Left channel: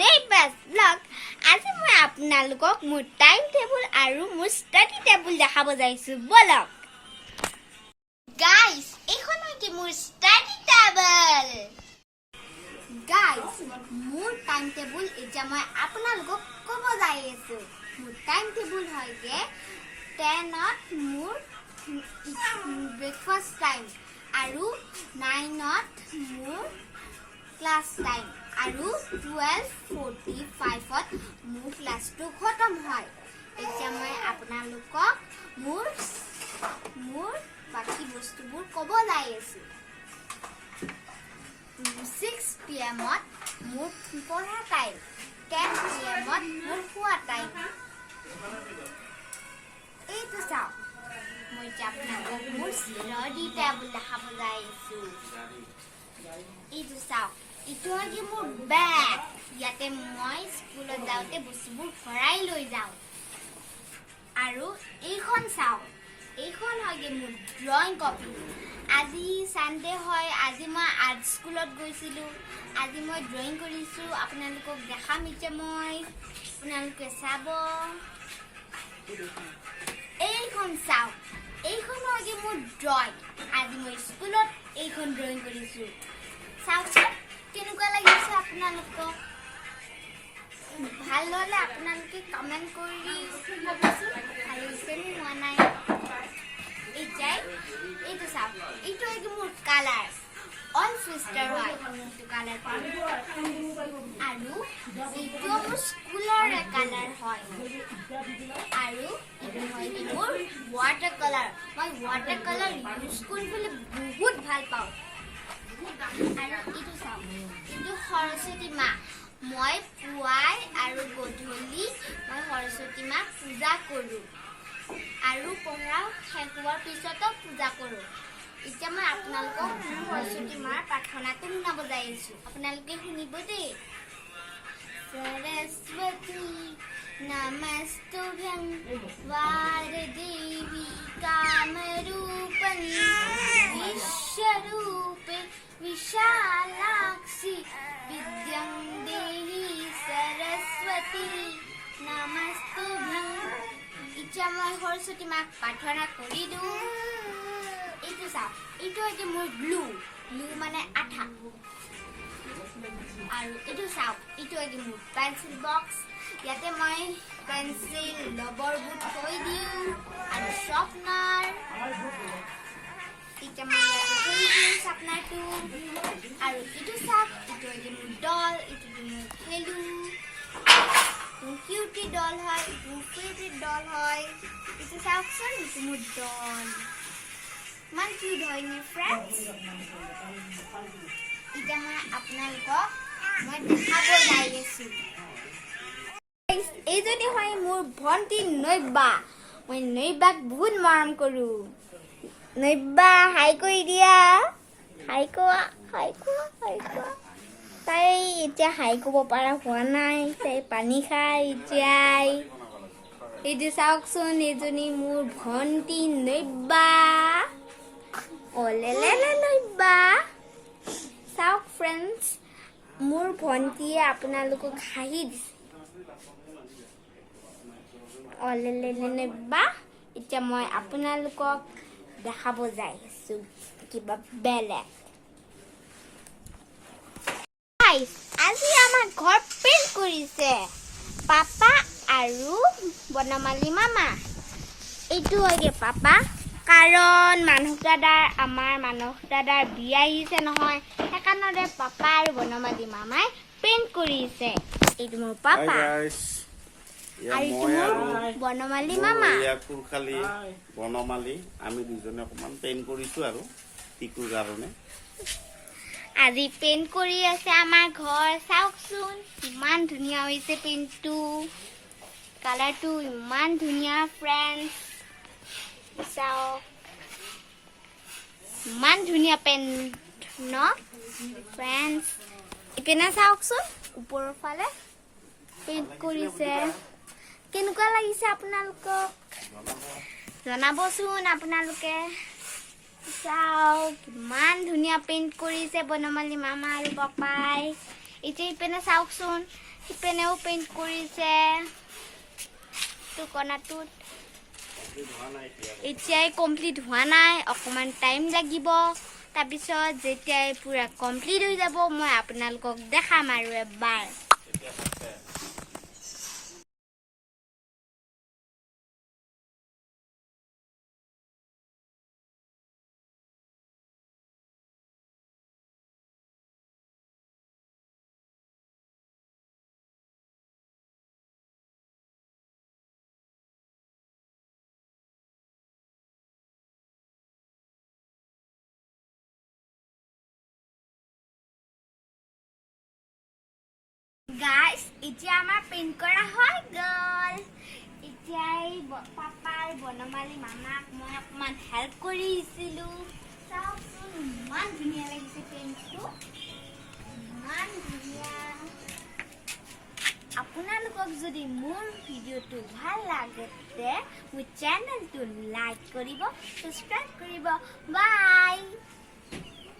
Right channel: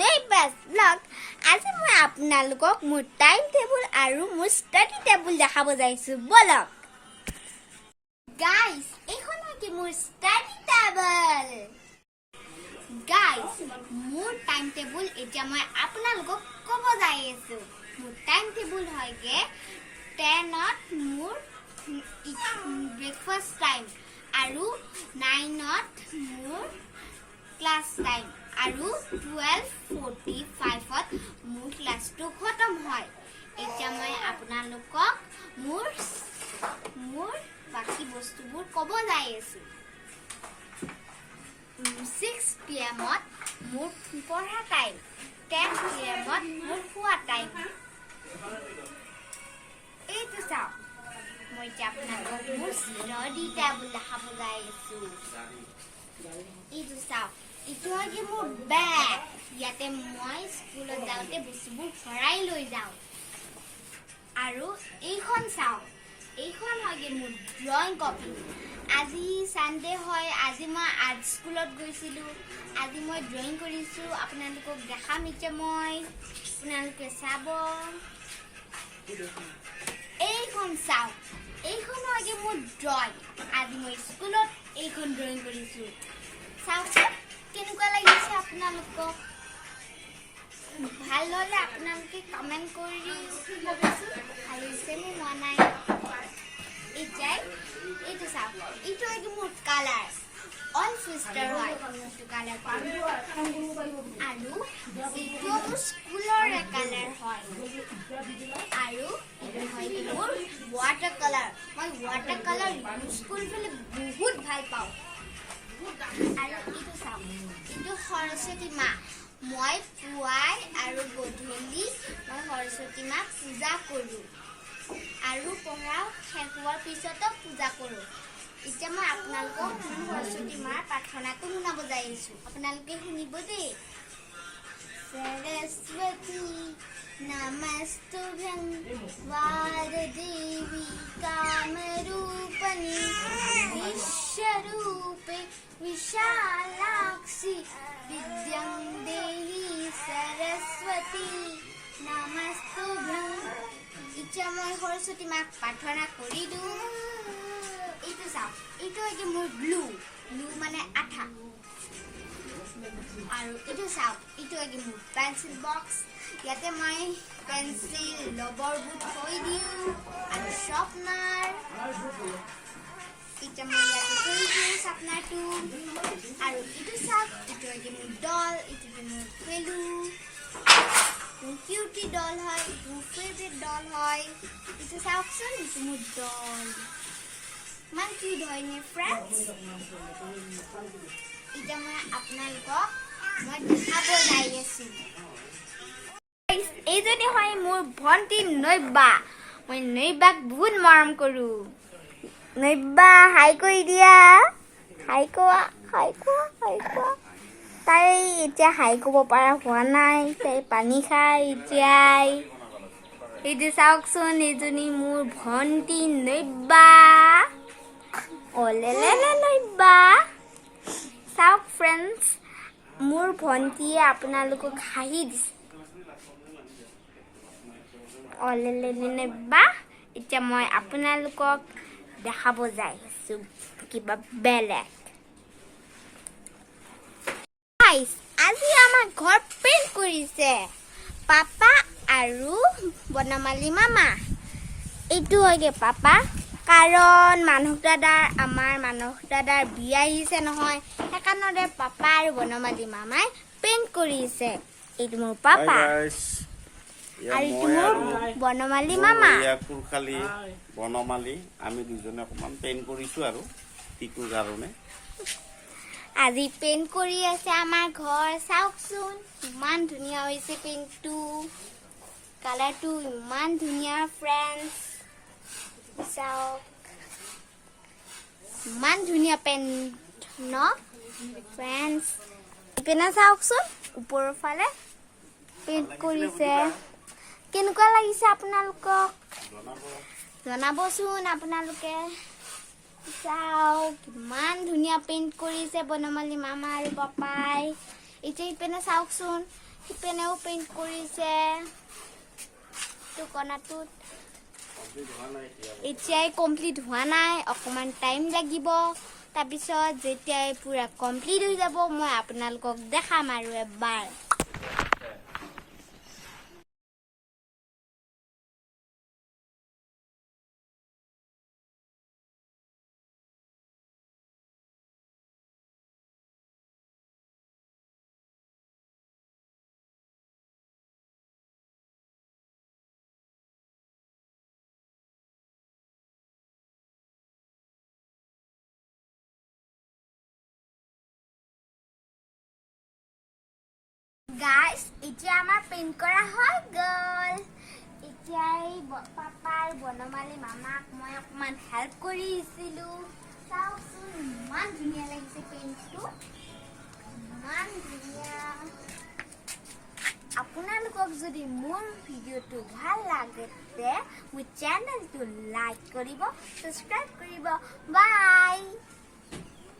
neighbors vlog. আজি মই আপোনালোকক মোৰ টাইম টেবুল আৰু মোৰ ষ্টাডি টেবুল দেখাব যাইছো বলক গাইস এখন হৈছে মোৰ ষ্টাডি টেবুল গাইস মোৰ টাইম টেবুল এতিয়া মই আপোনালোকক ক'ব যাই আছো মোৰ টাইম টেবুল হয়গে 10 ত মোৰ ব্ৰেকফাষ্ট টাইম আৰু 9 ত মোৰ ক্লাস টাইম আৰু 12:45 ত মোৰ ক্লাসটো খতম হয় এতিয়া মই আপোনালোকক মোৰ বাকি বস্তুবোৰ ক'ব যাই আছো 6 PM ত মোৰ পঢ়া টাইম 10 PM ত মোৰ খোৱা টাইম এইটো চাও মই আপোনালোকক মোৰ ষ্টাডি টেবুল দেখাব যাই আছো এইটো চাও ইটো আছে মোৰ বেগ ইয়াতে মই স্কুলত যাওঁতে বস্তুবোৰ ভৰাই লৈ যাওঁ আৰু এইখন চাও এইখন হয় মোৰ ড্ৰয়িং কপি আজি সানডে হয় আজি মই আৰ্ট স্কুলত গৈছিলো আজি মই ড্ৰয়িং কৰিছো আপোনালোকক দেখাম এতিয়া মই আপোনালোকে চাব এইখন চাও এইখন হয় মোৰ ড্ৰয়িং আজি মই স্কুলত এইখন ড্ৰয়িং কৰিছো চাওকচোন কেনেকুৱা লাগিছে আপোনালোকক ভাল হলে আপোনালোকে কমেন্ট কৰি ক'বচোন ভাল হৈছে নে হোৱা নাই এইটো চাওক এইটো একদম মোৰ কালাৰ অল সিস্টাৰ হয় এইটো কালাৰ আৰু এইটো মোৰ স্কুলৰ কালাৰ হয় আৰু এইটো হয় মোৰ ৱাটাৰ কালাৰ মই ৱাটাৰ কালাৰ ইউজ কৰিবলৈ বহুত ভাল পাওঁ আৰু এইটো চাওক এইটো সৰস্বতী মা মই পুৱাই আৰু গধূলি মই সৰস্বতী মা পূজা কৰোঁ আৰু পঢ়া শেষ হোৱাৰ পিছতো পূজা কৰোঁ এতিয়া মই আপোনালোকক সৰস্বতী মাৰ প্ৰাৰ্থনাটো শুনাব যাই আছো আপোনালোকে শুনিব দেই সৰস্বতী নমস্তুভ্যং বাৰদেৱী কামৰূপিণী বিশ্বৰূপে विशालाक्षी विद्यां देहि सरस्वती नमस्तुभ्यं इच्छा मैं सरस्वती माक प्रार्थना करि दु इटु साउ इटु है मोर ग्लू माने आठा आरो इटु साउ इटु है मोर पेंसिल बॉक्स याते मैं पेंसिल रबर बुट थৈ दिउ आरो शार्पनार इटा मैं याते थৈ दिउ शार्पनारটো আৰু ইটো চাওক ইটো একে মোৰ ডল ইটো মোৰ খেলু কিউটি ডল হয় ইটো ফেভাৰিট ডল হয় ইটো চাওকচোন ইটো মোৰ ডল মান কিউট হয় মোৰ ফ্ৰেণ্ডছ ইটা মই আপোনালোকক মই দেখাব যাই আছো এইজনী হয় মোৰ ভন্টি নৈবা মই নৈবাক বহুত মৰম কৰো নৈবা হাই কৰি দিয়া হাই কোৱা তাই এতিয়া হাই ক'ব পৰা হোৱা নাই তাই পানী খাই এতিয়াই এইটো চাওকচোন এইজনী মোৰ ভন্টি নৈবা অলেলে নৈবা চাওক ফ্ৰেণ্ডছ মোৰ ভন্টিয়ে আপোনালোকক হাঁহি দিছে অলেলে নৈবা এতিয়া মই আপোনালোকক দেখাব যাই আছো কিবা বেলেগ আজি আমাৰ ঘৰ পেইণ্ট কৰিছে পাপা আৰু বনমালী মামা এইটো হয়গে পাপা কাৰণ আমাৰ মানস দাদাৰ বিয়া আহিছে নহয় সেইকাৰণে পাপা আৰু বনমালী মামাই পেইণ্ট কৰিছে এইটো মোৰ পাপা বনমালী মামা বনমালী আমি দুজনে অকমান পেইণ্ট কৰিছো আৰু টিকুৰ কাৰণে আজি পেইণ্ট কৰি আছে আমাৰ ঘৰ চাওকচোন ইমান ধুনীয়া হৈছে পেইণ্টটো কালাৰটো ইমান ধুনীয়া ফ্ৰেণ্ডছ চাওক ইমান ধুনীয়া পেইণ্ট ন ফ্ৰেণ্ডছ ইপিনে চাওকচোন ওপৰৰ ফালে পেইণ্ট কৰিছে কেনেকুৱা লাগিছে আপোনালোকক জনাবচোন আপোনালোকে চাওক কিমান ধুনীয়া পেইণ্ট কৰিছে বনমালী মামা আৰু পাপাই এতিয়া ইপিনে চাওকচোন ইপেনেও পেইণ্ট কৰিছে টুকনাটোত এতিয়াই কমপ্লিট হোৱা নাই অকমান টাইম লাগিব তাৰপিছত যেতিয়াই পুৰা কমপ্লিট হৈ যাব মই আপোনালোকক দেখাম আৰু এবাৰ Guys, এতিয়া আমাৰ পেইণ্ট কৰা হৈ গ'ল এতিয়াই পাপাৰ বনমালী মামাক মই অকমান হেল্প কৰিছিলো চাওকচোন ইমান ধুনীয়া লাগিছে পেইণ্টটো ইমান ধুনীয়া আপোনালোকক যদি মোৰ ভিডিঅ'টো ভাল লাগে তে মোৰ চেনেলটো লাইক কৰিব সাবস্ক্ৰাইব কৰিব বাই